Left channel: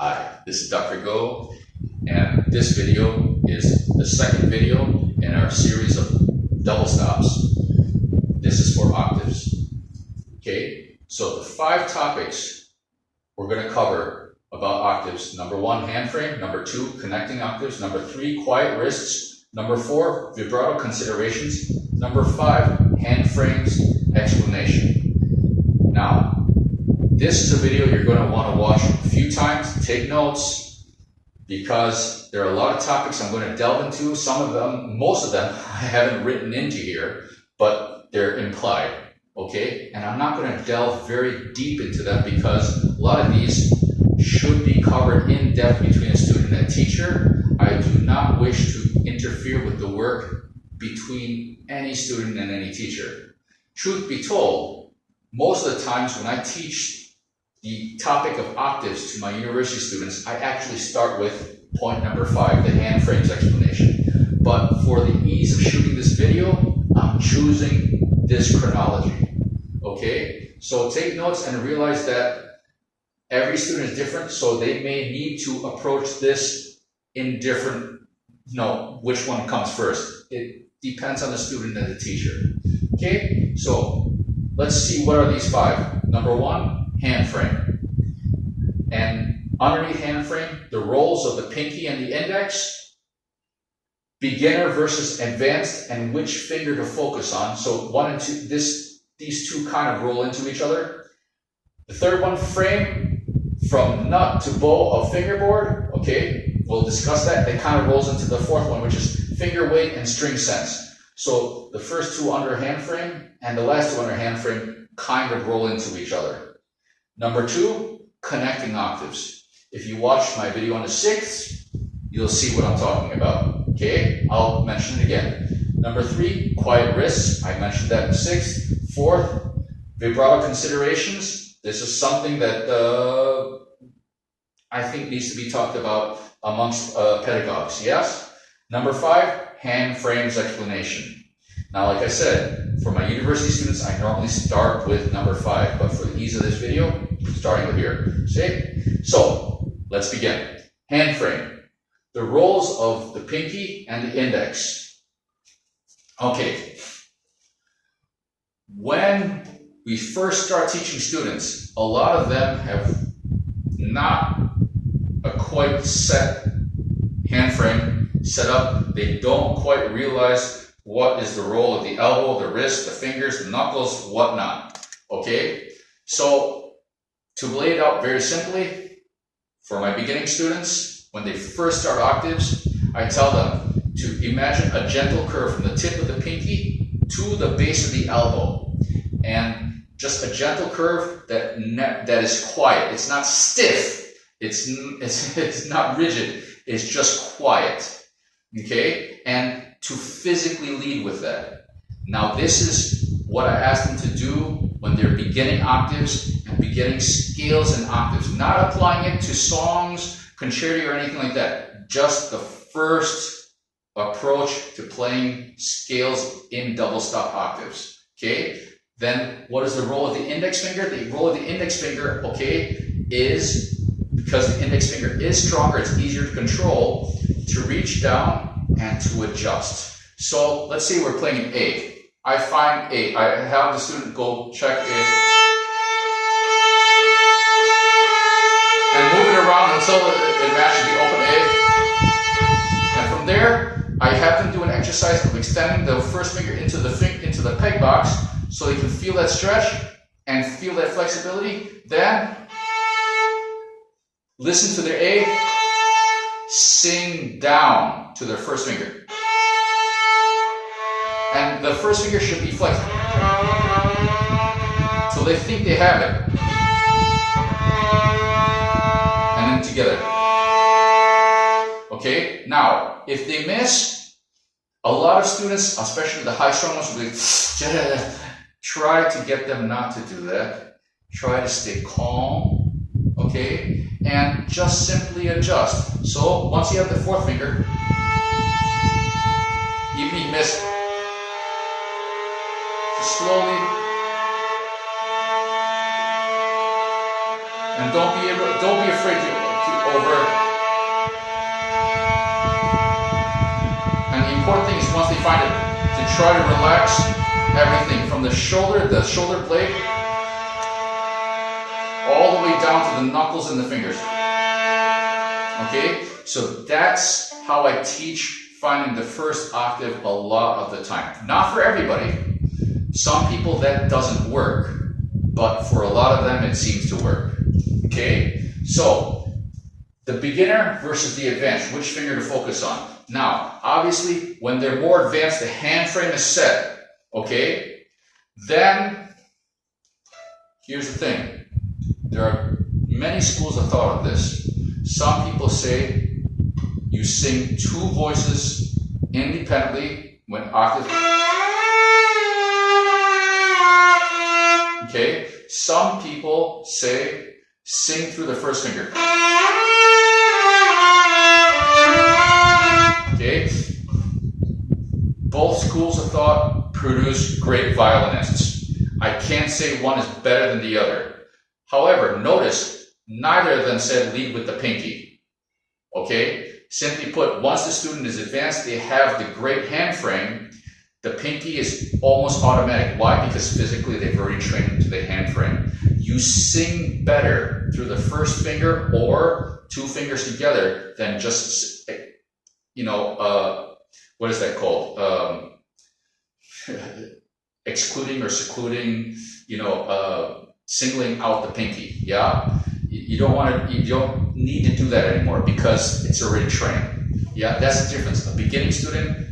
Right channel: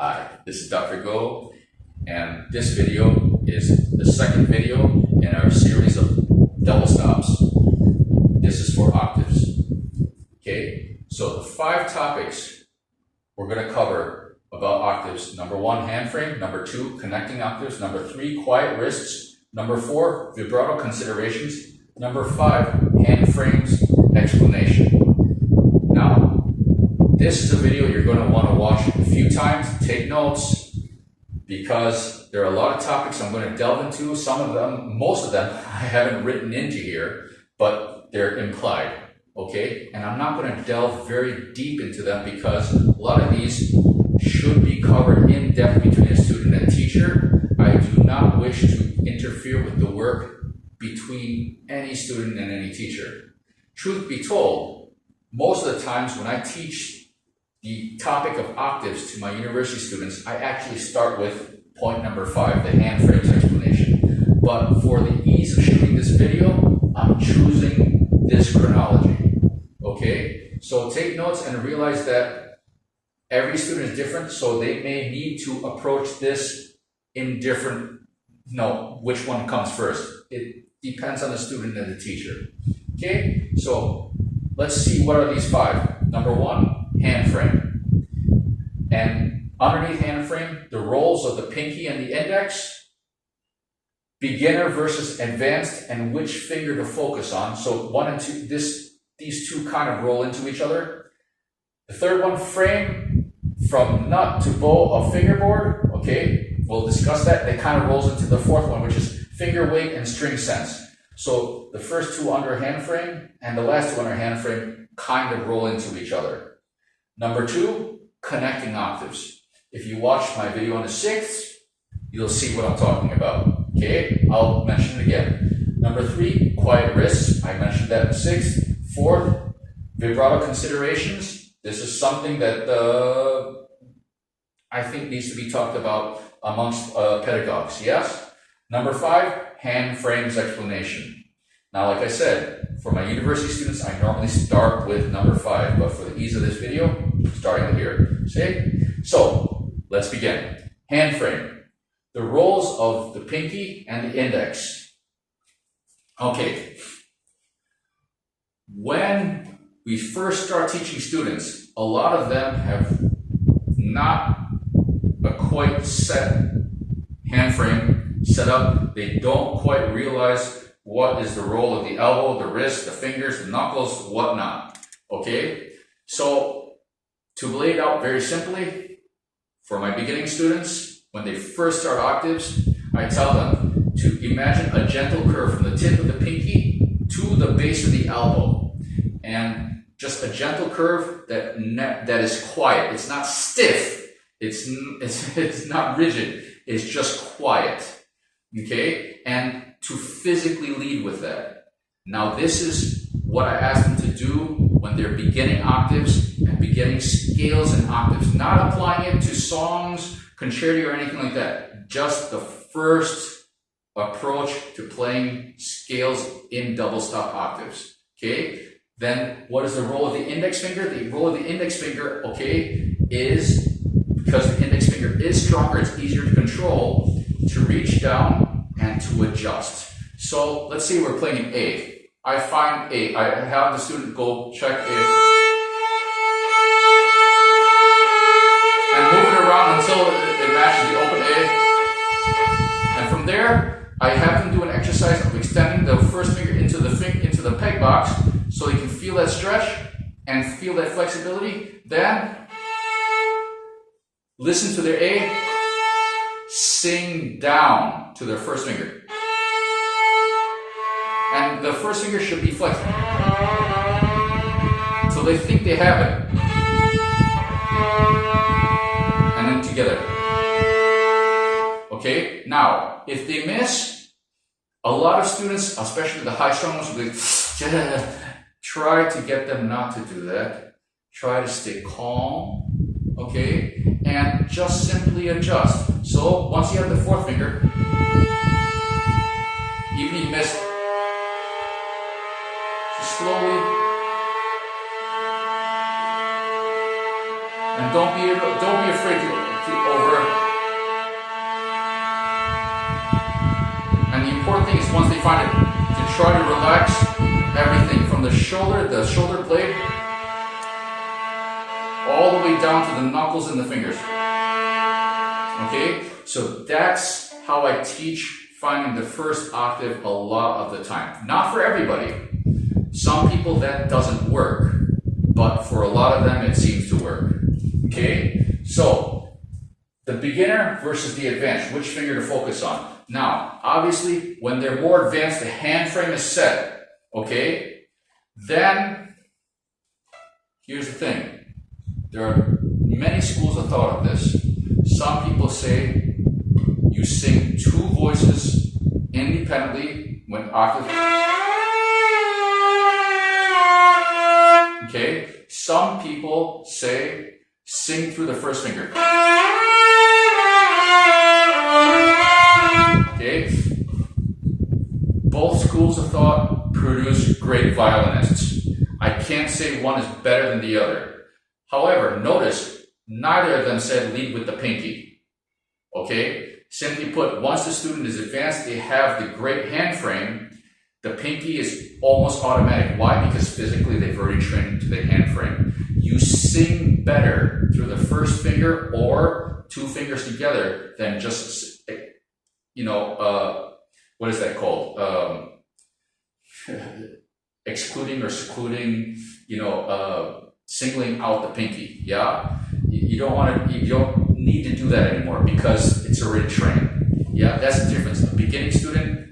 Hi, this is Dr. Go, and this video is the second video in our series of double stops. This is for octaves. Okay, so the 5 topics we're going to cover about octaves. Number 1, hand frame. Number 2, connecting octaves. Number 3, quiet wrists. Number 4, vibrato considerations. Number 5, hand frames explanation. Now, this is a video you're going to want to watch a few times, take notes, because there are a lot of topics I'm going to delve into. Some of them, most of them, I haven't written into here, but they're implied, okay? And I'm not going to delve very deep into them because a lot of these should be covered in depth between a student and a teacher. I do not wish to interfere with the work between any student and any teacher. Truth be told, most of the times when I teach the topic of octaves to my university students, I actually start with point number 5, the hand frames explanation. But for the ease of shooting this video, I'm choosing this chronology. Okay? So take notes and realize that every student is different, so they may need to approach this in different, which one comes first. It depends on the student and the teacher. Okay? So let's see, what are these 5? Number 1, hand frame. And underneath hand frame, the roles of the pinky and the index, beginner versus advanced, and which finger to focus on. So 1 and 2, these two kind of roll into each other. The third one, frame from nut to bow of fingerboard. Okay, we'll discuss that. It kind of rolls into the 4th one, which is finger weight and string sense. So the first 2 under hand frame and the last 2 under hand frame kind of roll into each other. Number 2, connecting octaves. If you watch my video on the 6th, you'll see what I'm talking about. Okay, I'll mention it again. Number 3, quiet wrists. I mentioned that in the 6th. 4th, vibrato considerations. This is something that I think needs to be talked about amongst pedagogues. Yes. Number 5, hand frames explanation. Now, like I said, for my university students, I normally start with number 5, but for the ease of this video, starting with here. See? So, let's begin. Hand frame. The roles of the pinky and the index. Okay. When we first start teaching students, a lot of them have not a quite set hand frame set up. They don't quite realize what is the role of the elbow, the wrist, the fingers, the knuckles, whatnot. Okay? So, to lay it out very simply, for my beginning students, when they first start octaves, I tell them to imagine a gentle curve from the tip of the pinky to the base of the elbow. And just a gentle curve that is quiet. It's not stiff. It's not rigid. It's just quiet. Okay? And to physically lead with that. Now, this is what I ask them to do when they're beginning octaves and beginning scales and octaves. Not applying it to songs, concerti, or anything like that. Just the first approach to playing scales in double stop octaves. Okay? Then, what is the role of the index finger? The role of the index finger, okay, is, because the index finger is stronger, it's easier to control, to reach down and to adjust. So let's say we're playing A. I find A. I have the student go check A and move it around until it matches the open A. And from there, I have them do an exercise of extending the first finger into the peg box so they can feel that stretch and feel that flexibility. Then listen to their A. Sing down to their first finger. And the first finger should be flexed. So they think they have it. And then together. Okay? Now, if they miss, a lot of students, especially the high strung ones, will be try to get them not to do that. Try to stay calm. Okay, and just simply adjust. So once you have the 4th finger, even if you miss, just slowly, and don't be afraid to over. And the important thing is once they find it, to try to relax everything from the shoulder blade, all the way down to the knuckles and the fingers. Okay, so that's how I teach finding the first octave a lot of the time. Not for everybody. Some people that doesn't work, but for a lot of them it seems to work. Okay, so the beginner versus the advanced, which finger to focus on? Now, obviously, when they're more advanced, the hand frame is set. Okay, then here's the thing. There are many schools of thought of this. Some people say you sing two voices independently when octaves. Okay, some people say sing through the first finger. Okay, both schools of thought produce great violinists. I can't say one is better than the other. However, notice neither of them said lead with the pinky. Okay, simply put, once the student is advanced, they have the great hand frame. The pinky is almost automatic. Why? Because physically they've already trained to the hand frame. You sing better through the first finger or two fingers together than just, what is that called? Excluding or secluding, singling out the pinky. Yeah, you don't need to do that anymore because it's already trained. Yeah, that's the difference. A beginning student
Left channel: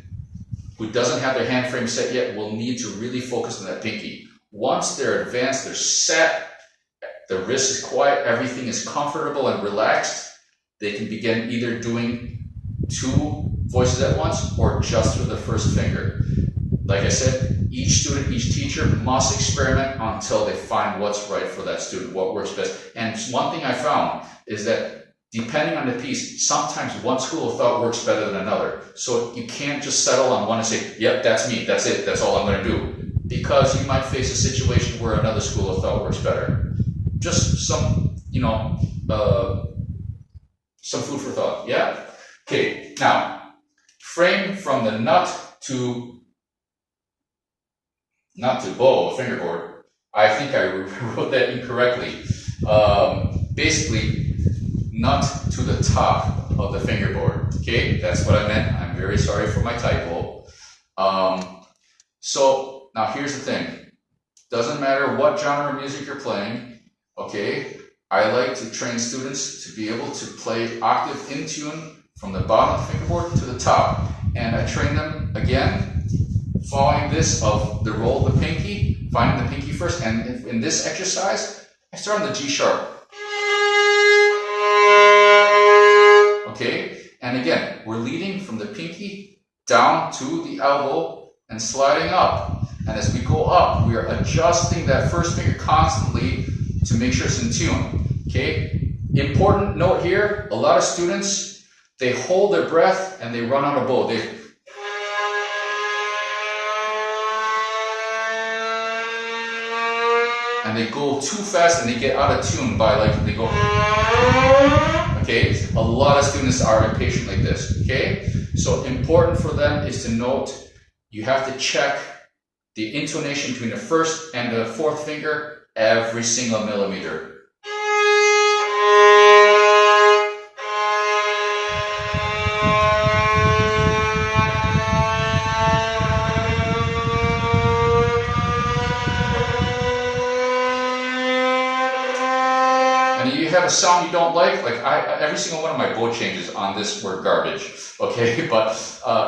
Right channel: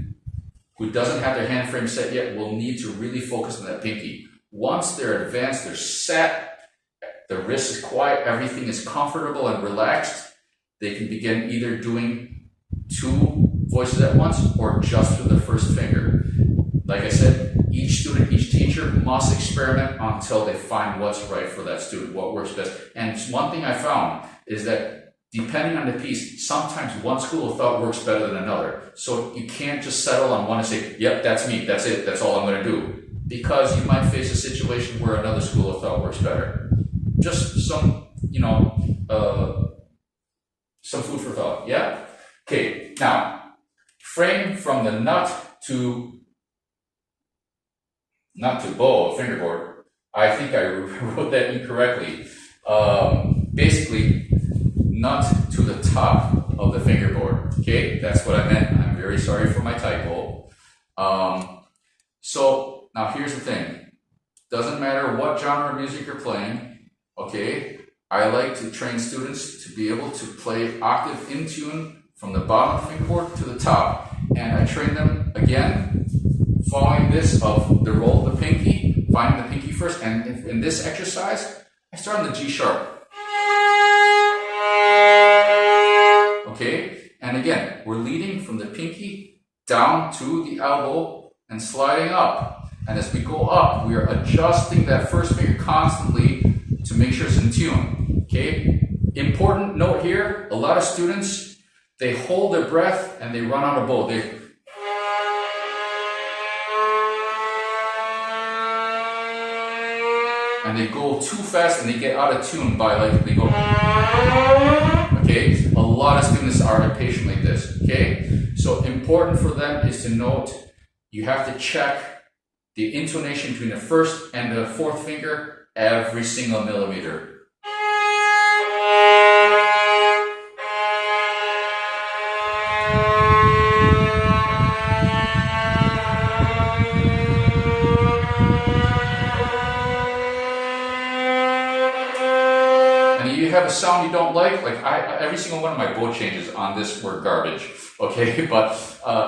who doesn't have their hand frame set yet will need to really focus on that pinky. Once they're advanced, they're set, the wrist is quiet, everything is comfortable and relaxed, they can begin either doing two voices at once or just through the first finger. Like I said, each student, each teacher must experiment until they find what's right for that student, what works best. And one thing I found is that depending on the piece, sometimes one school of thought works better than another. So you can't just settle on one and say, yep, that's me, that's it, that's all I'm going to do. Because you might face a situation where another school of thought works better. Just some, some food for thought, yeah? Okay, now, frame from the nut to bow, fingerboard. I think I wrote that incorrectly. Basically, nut to the top of the fingerboard. Okay, that's what I meant. I'm very sorry for my typo. So now here's the thing. Doesn't matter what genre of music you're playing. Okay, I like to train students to be able to play octave in tune from the bottom of the fingerboard to the top. And I train them again, following this of the roll of the pinky, finding the pinky first. And in this exercise, I start on the G sharp. Okay, and again, we're leading from the pinky down to the elbow and sliding up. And as we go up, we are adjusting that first finger constantly to make sure it's in tune. Okay, important note here, a lot of students, they hold their breath and they run out of bow. And they go too fast and they get out of tune by they go. Okay, a lot of students are impatient like this. Okay, so important for them is to note you have to check the intonation between the first and the fourth finger every single millimeter. You have a sound you don't like every single one of my bow changes on this were garbage, okay? But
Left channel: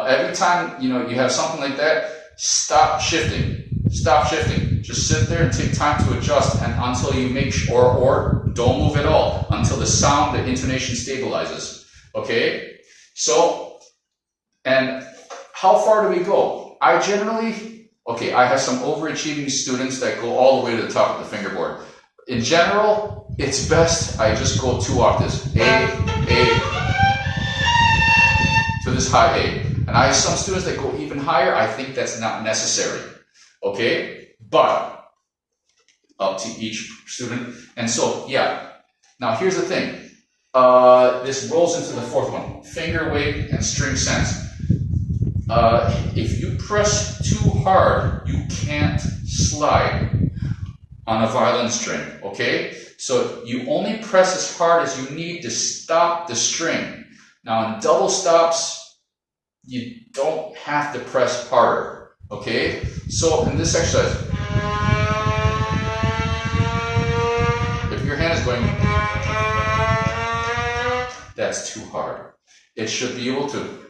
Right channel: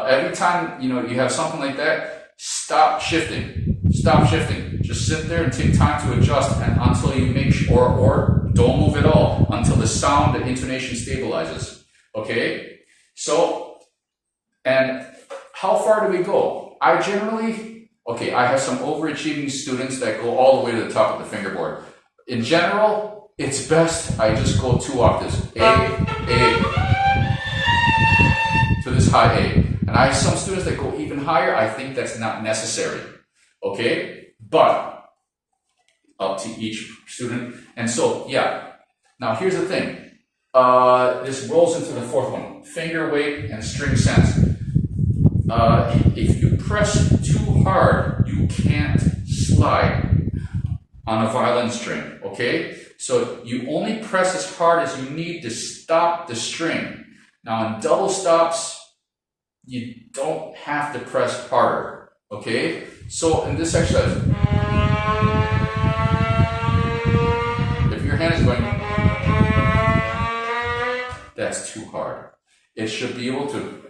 every time you have something like that, stop shifting. Just sit there and take time to adjust, and until you make sure, or don't move at all until the sound, the intonation stabilizes, okay? So, and how far do we go? I have some overachieving students that go all the way to the top of the fingerboard. In general, it's best I just go 2 octaves, A, to this high A. And I have some students that go even higher. I think that's not necessary, okay? But up to each student. And so, yeah. Now here's the thing. this rolls into the fourth one, finger weight and string sense. If you press too hard, you can't slide on a violin string, okay? So you only press as hard as you need to stop the string. Now in double stops, you don't have to press harder, okay? So in this exercise, if your hand is going, that's too hard. It should be able to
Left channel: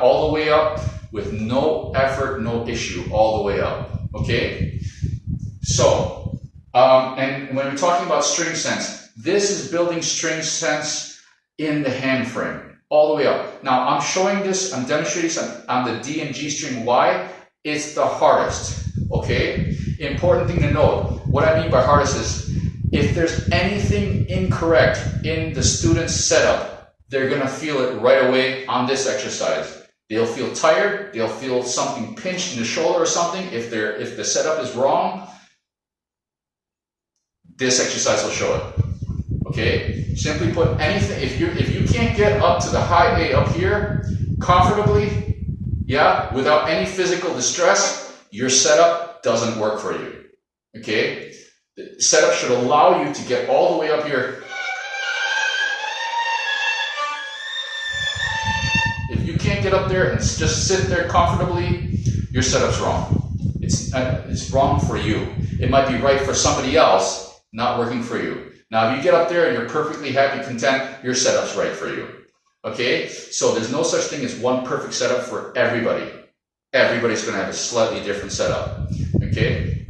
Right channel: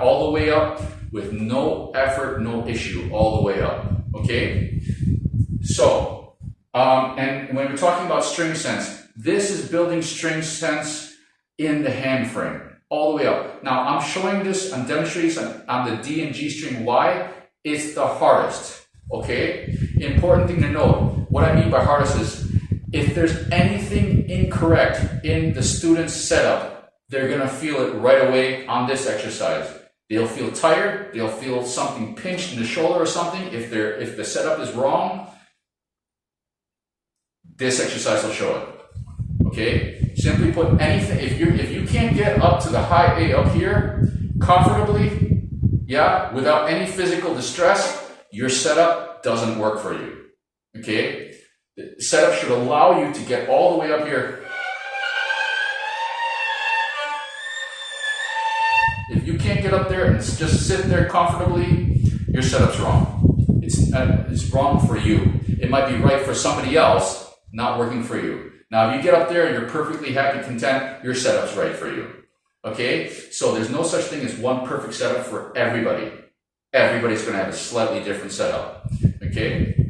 all the way up with no effort, no issue, all the way up, okay? So, and when we're talking about string sense, this is building string sense in the hand frame, all the way up. Now, I'm showing this, I'm demonstrating this on the D and G string. Why? It's the hardest, okay? Important thing to note, what I mean by hardest is, if there's anything incorrect in the student's setup, they're gonna feel it right away on this exercise. They'll feel tired, they'll feel something pinched in the shoulder or something. If the setup is wrong, this exercise will show it. Okay? Simply put, anything, if you can't get up to the high A up here comfortably, without any physical distress, your setup doesn't work for you. Okay? The setup should allow you to get all the way up here. If you can't get up there and just sit there comfortably, your setup's wrong. It's wrong for you. It might be right for somebody else, not working for you. Now, if you get up there and you're perfectly happy, content, your setup's right for you. Okay? So there's no such thing as one perfect setup for everybody. Everybody's going to have a slightly different setup. Okay?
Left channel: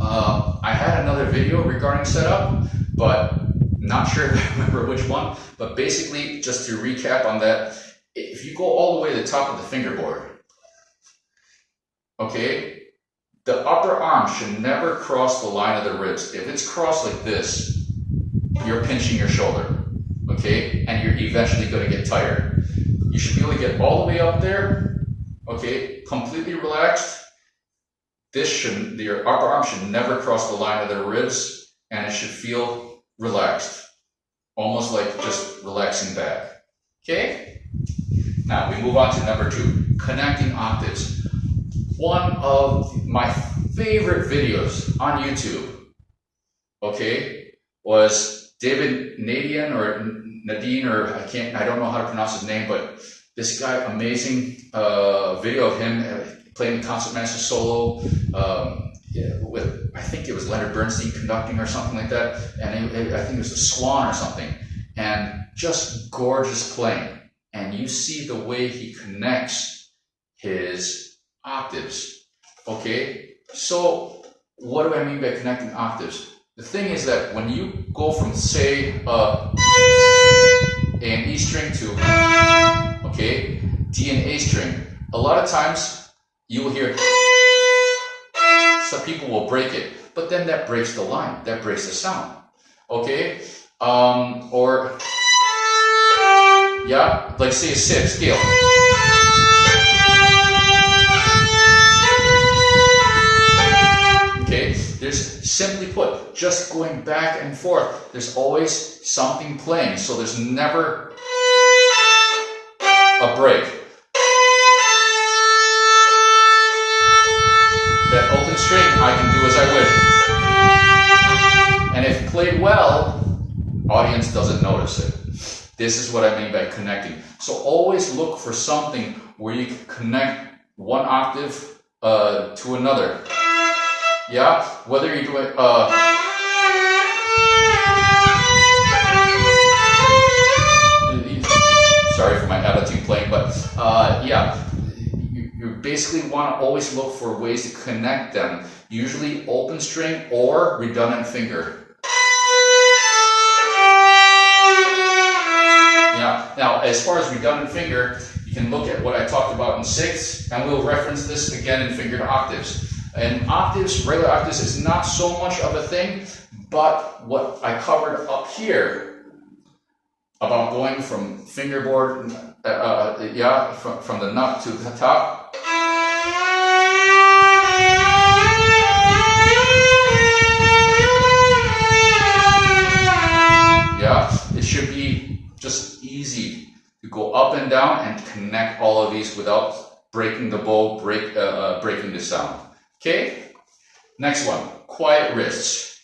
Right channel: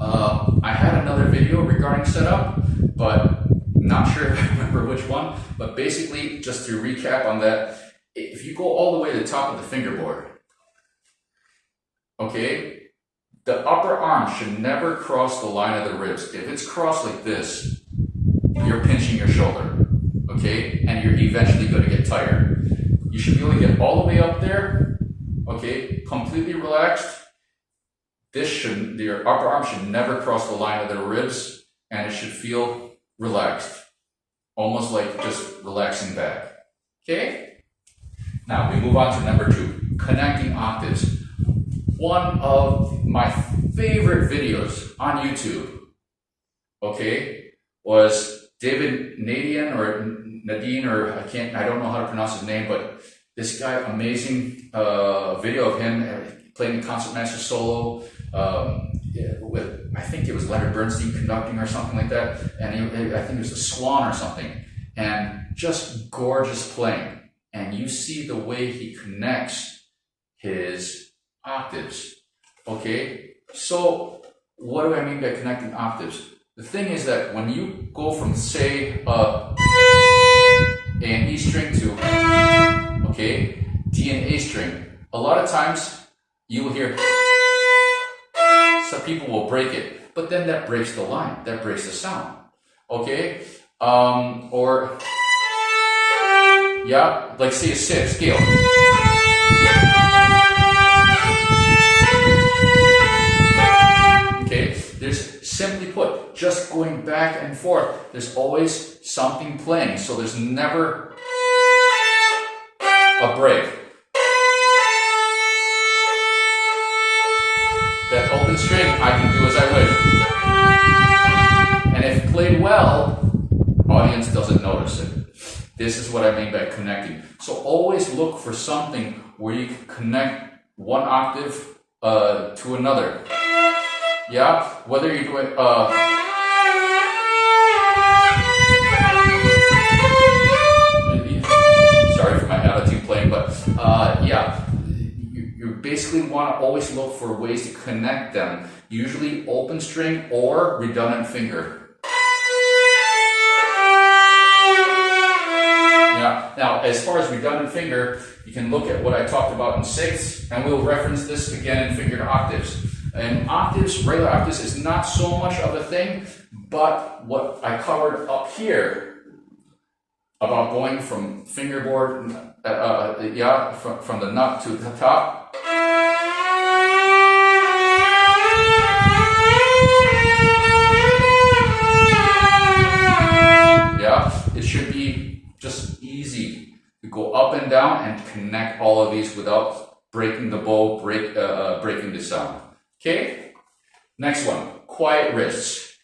I had another video regarding setup, but not sure if I remember which one. But basically, just to recap on that, if you go all the way to the top of the fingerboard, okay, the upper arm should never cross the line of the ribs. If it's crossed like this, you're pinching your shoulder, okay, and you're eventually going to get tired. You should be able to get all the way up there, okay, completely relaxed. Your upper arm should never cross the line of the ribs, and it should feel relaxed, almost like just relaxing back, okay? Now, we move on to number 2, connecting octaves. One of my favorite videos on YouTube, okay, was Nadien, or I don't know how to pronounce his name, but this guy, amazing video of him playing the concertmaster solo with, I think it was Leonard Bernstein conducting or something like that, and I think it was the Swan or something, and just gorgeous playing. And you see the way he connects his octaves, okay? So what do I mean by connecting octaves? The thing is that when you go from, say, A and E string to, okay, D and A string, a lot of times you will hear, some people will break it, but then that breaks the line, that breaks the sound, okay? Or, like say a scale. Okay, there's, simply put, just going back and forth, there's always something playing, so there's never a break. That open string, I can do as I wish. And if played well, audience doesn't notice it. This is what I mean by connecting. So always look for something where you can connect one octave to another. Yeah? Whether you're doing sorry for my out-of-tune playing, but you basically want to always look for ways to connect them. Usually open string or redundant finger. Now, as far as redundant finger, you can look at what I talked about in 6, and we'll reference this again in fingered octaves. And octaves, regular octaves, is not so much of a thing, but what I covered up here about going from fingerboard yeah, from the nut to the top. Yeah, it should be just easy to go up and down and connect all of these without breaking the bow, breaking the sound. Okay, next one, quiet wrists.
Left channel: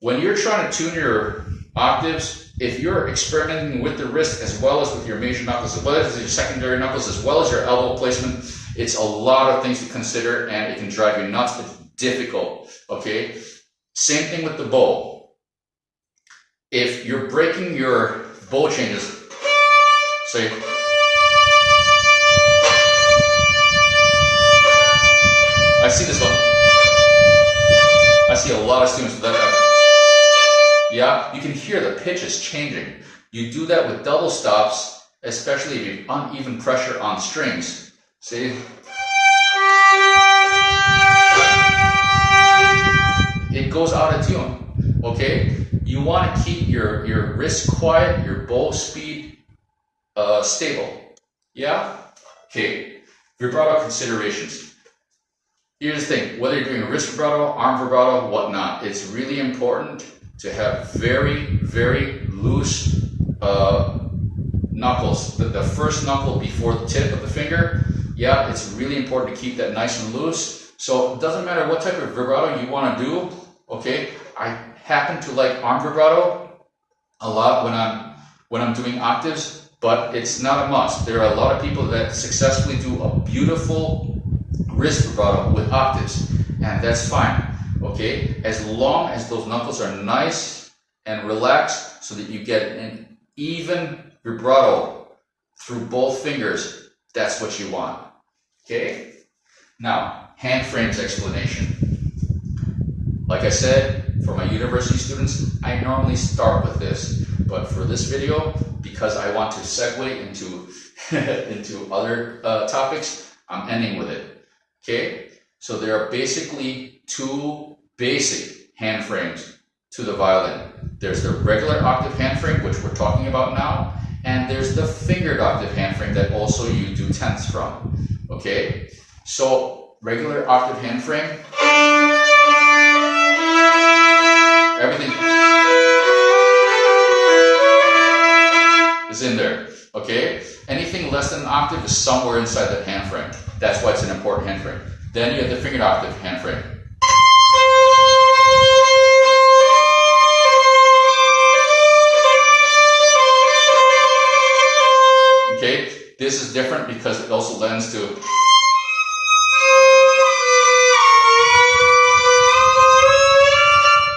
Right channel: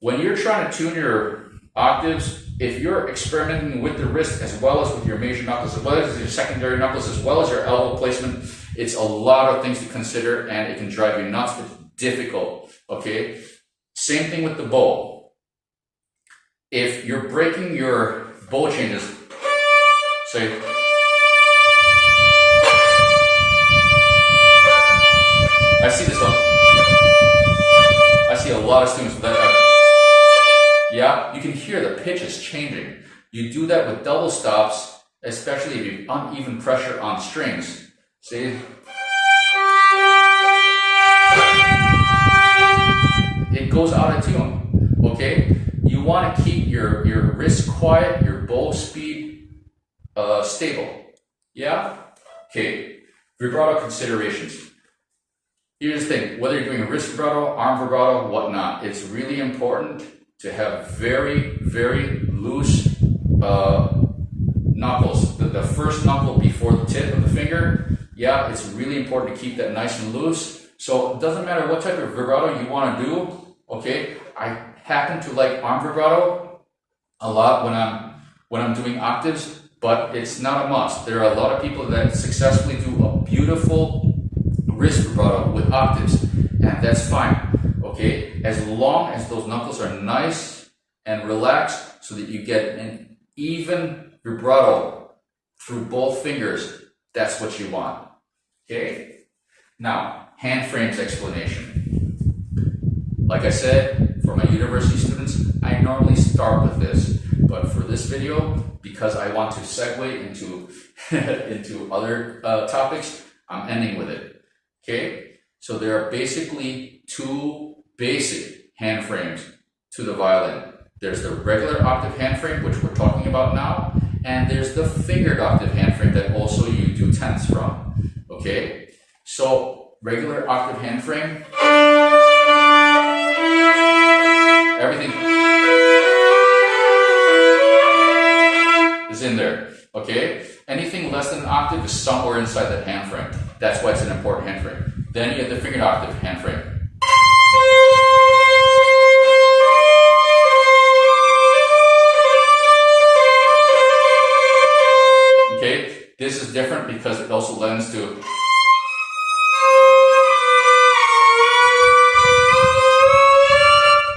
When you're trying to tune your octaves, if you're experimenting with the wrist as well as with your major knuckles, as well as your secondary knuckles, as well as your elbow placement, it's a lot of things to consider and it can drive you nuts. It's difficult, okay? Same thing with the bow. If you're breaking your bow changes, say, I see this one. I see a lot of students with that. Yeah, you can hear the pitch is changing. You do that with double stops, especially if you have uneven pressure on strings. See? It goes out of tune, okay? You want to keep your wrist quiet, your bow speed stable. Yeah? Okay, vibrato considerations. Here's the thing, whether you're doing a wrist vibrato, arm vibrato, whatnot, it's really important to have very, very loose knuckles. The first knuckle before the tip of the finger, yeah, it's really important to keep that nice and loose. So it doesn't matter what type of vibrato you want to do, okay? I happen to like arm vibrato a lot when I'm doing octaves, but it's not a must. There are a lot of people that successfully do a beautiful wrist vibrato with octaves, and that's fine. Okay, as long as those knuckles are nice and relaxed so that you get an even vibrato through both fingers, that's what you want. Okay, now hand frames explanation. Like I said, for my university students, I normally start with this, but for this video, because I want to segue into into other topics, I'm ending with it. Okay, so there are basically two basic hand frames to the violin. There's the regular octave hand frame, which we're talking about now, and there's the fingered octave hand frame that also you do tenths from. Okay, so regular octave hand frame, everything is in there. Okay, anything less than an octave is somewhere inside that hand frame. That's why it's an important hand frame. Then you have the fingered octave hand frame. Okay, this is different because it also lends to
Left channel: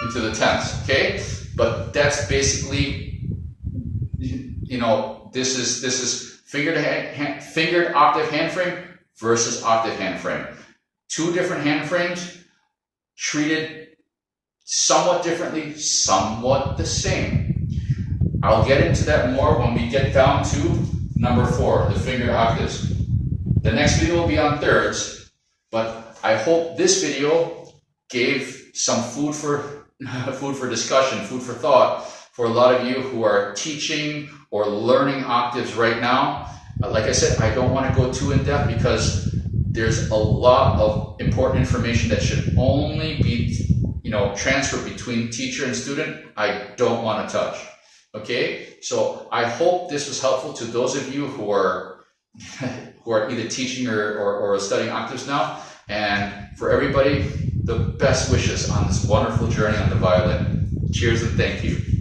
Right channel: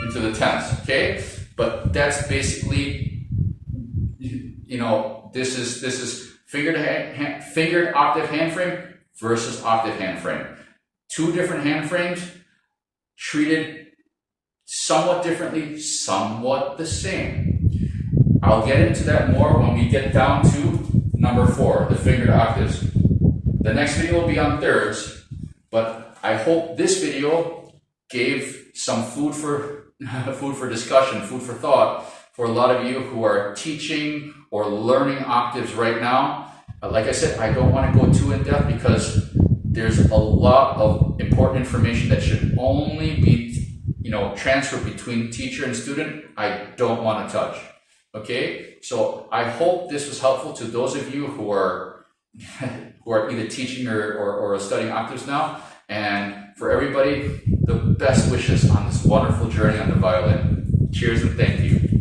into the tenths. Okay, but that's basically, you know, this is fingered octave hand frame versus octave hand frame. Two different hand frames treated somewhat differently, somewhat the same. I'll get into that more when we get down to number 4, the fingered octaves. The next video will be on thirds, but I hope this video gave some food for discussion, food for thought for a lot of you who are teaching or learning octaves right now. Like I said, I don't want to go too in depth because there's a lot of important information that should only be, you know, transferred between teacher and student. I don't want to touch. Okay, so I hope this was helpful to those of you who are either teaching or studying octaves now. And for everybody, the best wishes on this wonderful journey on the violin. Cheers and thank you.